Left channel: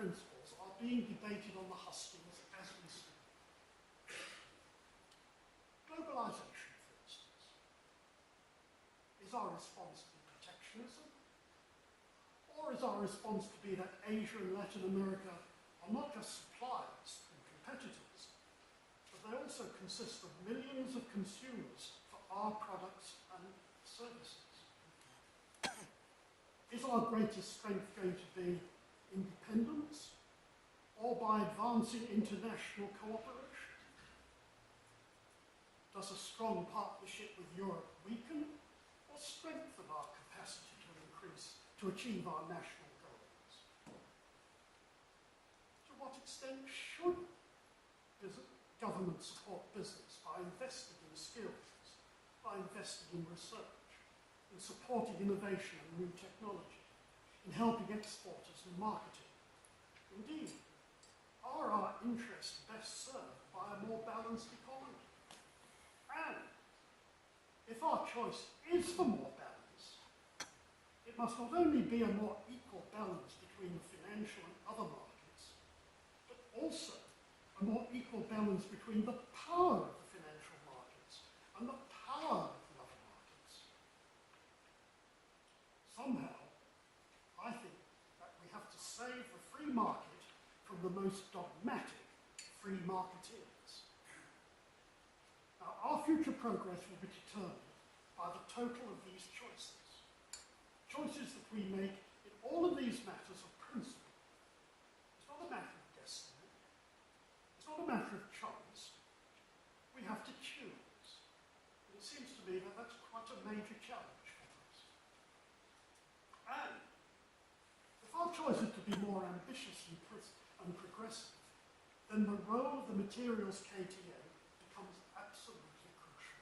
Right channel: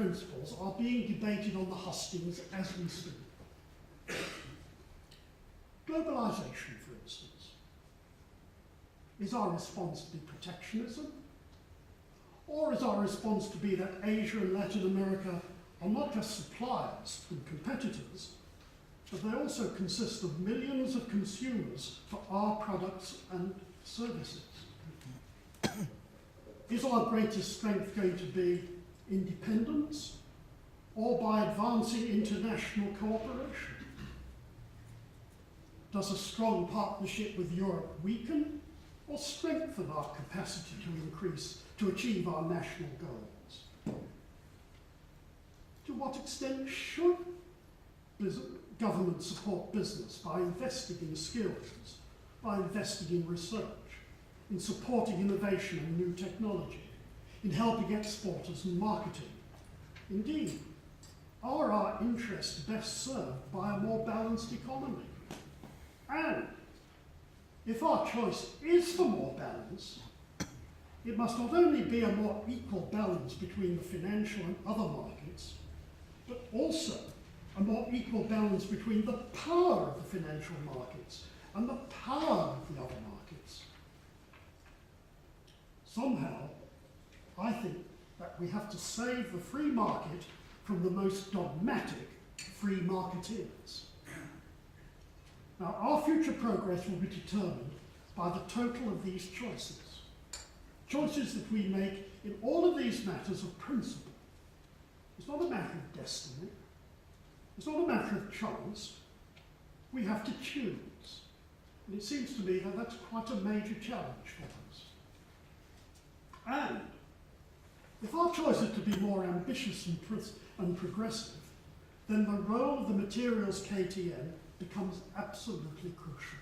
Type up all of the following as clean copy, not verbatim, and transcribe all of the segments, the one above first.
principles are being debated on the hustings as we speak. Globalization, for instance. Is our response to be protectionism? Or is our response to be that Asia and Latin America are not just suppliers and competitors, but they also consist of millions of consumers for our products and services? Is our greatest strength going to be independence, or by advancing international cooperation? Does a strong partnership with Europe weaken or strengthen our capacity to achieve our national goals? To what extent should government support business by investing in skills, by investing in research, in supporting innovation and new technology, in helping exporters and marketing? Indeed, are our interests best served by a more balanced economy? And if our choice is for more balance, it must not only be a more equal balance between the financial and other markets, but also a more equal balance between the power of the financial markets and the power of the other markets. Somehow, I think that we have to save the free market from the most dogmatic free marketeers. Now, our future progress will be determined by the total of these choices. Choices that we make in all of these matters of principle. It's not a matter of destiny. It's not a matter of chance. We have to choose. And it seems to me that that's quite a major challenge for us. And if our choice is to be more ambitious and progressive, then the role of the materials KTN becomes absolutely crucial.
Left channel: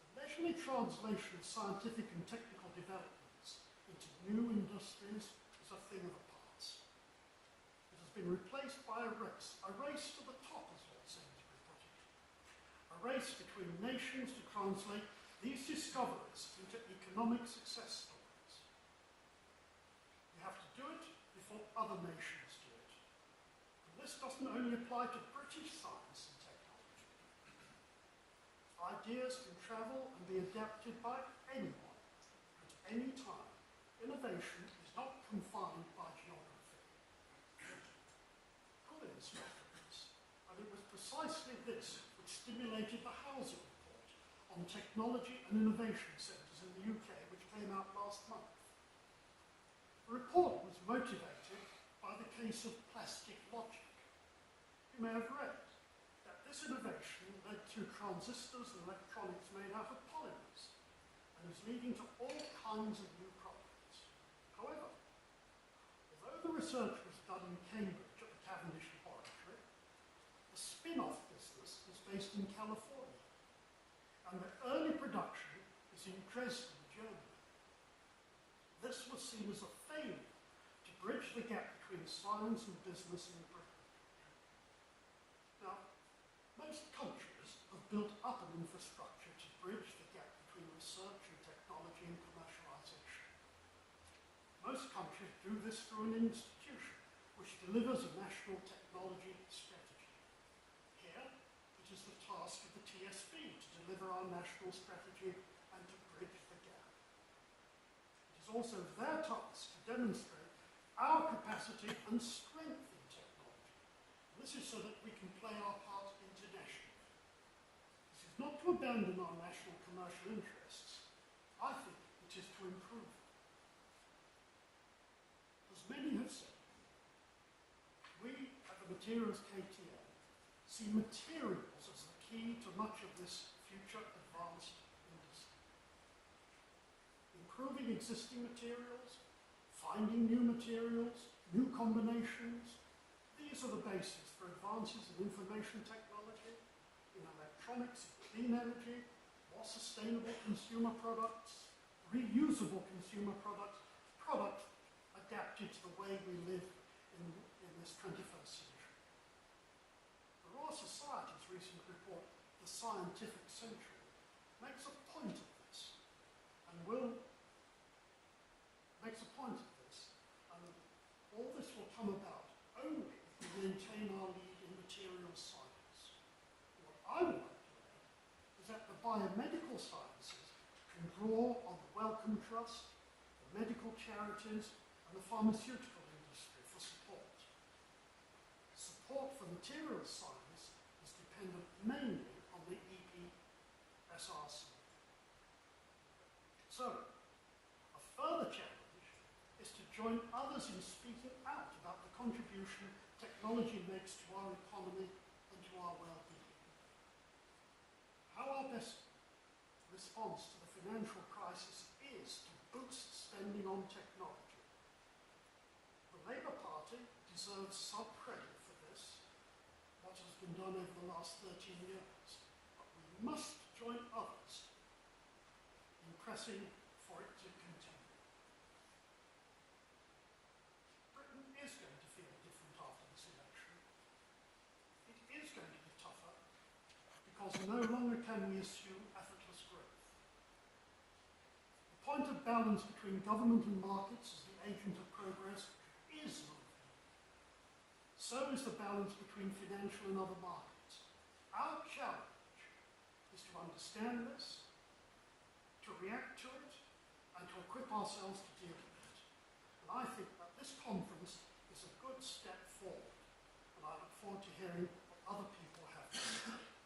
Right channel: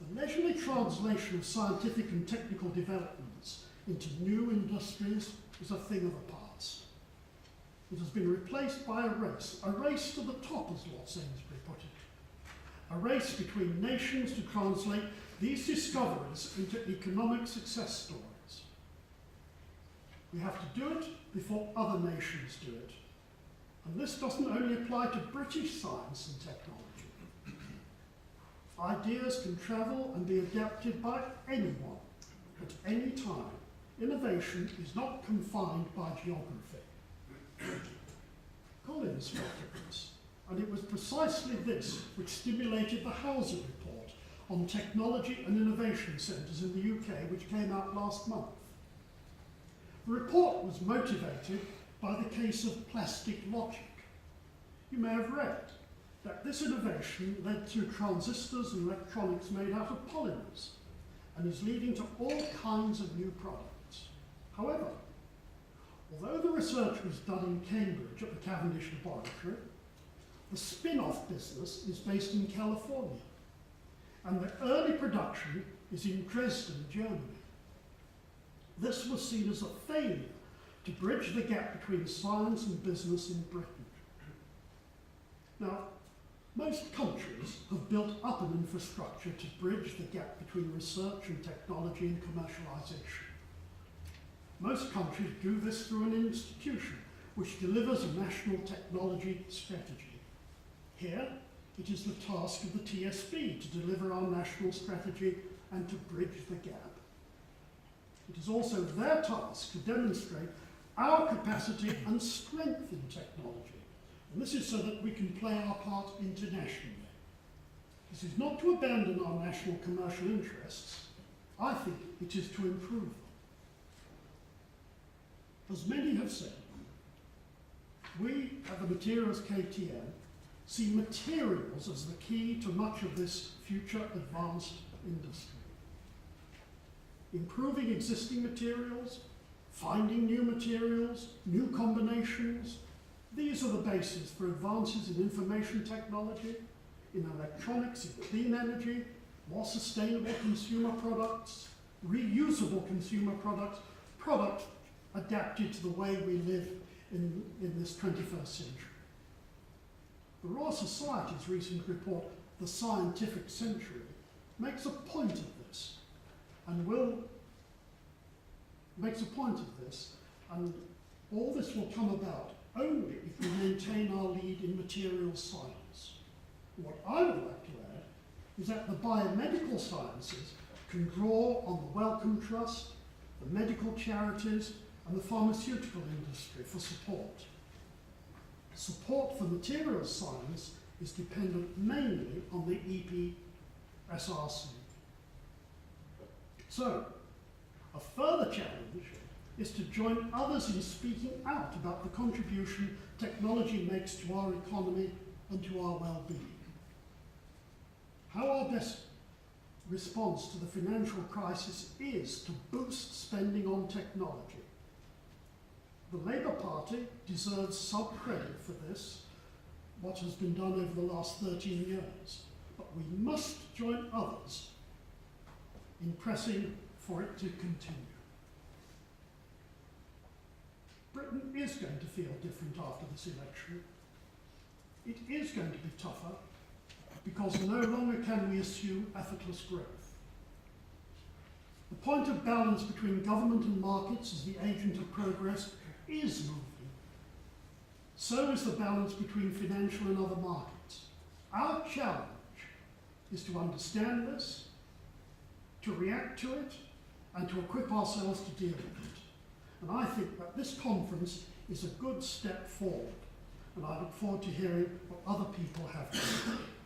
The leisurely translation of scientific and technical developments into new industries is a thing of the past. It has been replaced by a race to the top, as Lord Sainsbury put it. A race between nations to translate these discoveries into economic success stories. We have to do it before other nations do it. And this doesn't only apply to British science and technology. Ideas can travel and be adapted by anyone at any time. Innovation is not confined by geography. Collins spoke of this, and it was precisely this which stimulated the Housing Report on technology and innovation centres in the UK, which came out last month. The report was motivated by the case of plastic logic. You may have read that this innovation led to transistors and electronics made out of polymers and is leading to all kinds of new products. However, although the research was done in Cambridge at the Cavendish Laboratory, the spin-off business is based in California, and the early production is in Dresden, Germany. This was seen as a failure to bridge the gap between science and business in Britain. Now, most countries have built up an infrastructure to bridge the gap between research and technology and commercialization. Most countries do this through an institution which delivers a national technology strategy. Here, it is the task of the TSB to deliver our national strategy and to bridge the gap. It is also their task to demonstrate our capacity and strength in technology. And this is so that we can play our part internationally. This is not to abandon our national commercial interests. I think it is to improve them. As many have said, we at the Materials KTN see materials as the key to much of this future advanced industry. Improving existing materials, finding new materials, new combinations, these are the basis for advances in information technology, in electronics, in clean energy, more sustainable consumer products, reusable consumer products, products adapted to the way we live in this 21st century. The Royal Society's recent report, The Scientific Century, makes a point of this, and All this will come about only if we maintain our lead in materials science. What I would like to add is that the biomedical sciences can draw on the Wellcome Trust, the medical charities, and the pharmaceutical industry for support. Support for materials science is dependent mainly on the EPSRC. So, a further challenge is to join others in speaking out about the contribution technology makes to our economy and to our well-being. How our best response to the financial crisis is to boost spending on technology. The Labour Party deserves some credit for this, what has been done over the last 13 years, but we must join others in pressing for it to continue. Britain is going to feel different after this election. It is going to be tougher because no longer can we assume effortless growth. The point of balance between government and markets as the agent of progress is moving. So is the balance between financial and other markets. Our challenge is to understand this, to react to it, and to equip ourselves to deal with it. And I think that this conference is a good step forward, and I look forward to hearing what other people have to say.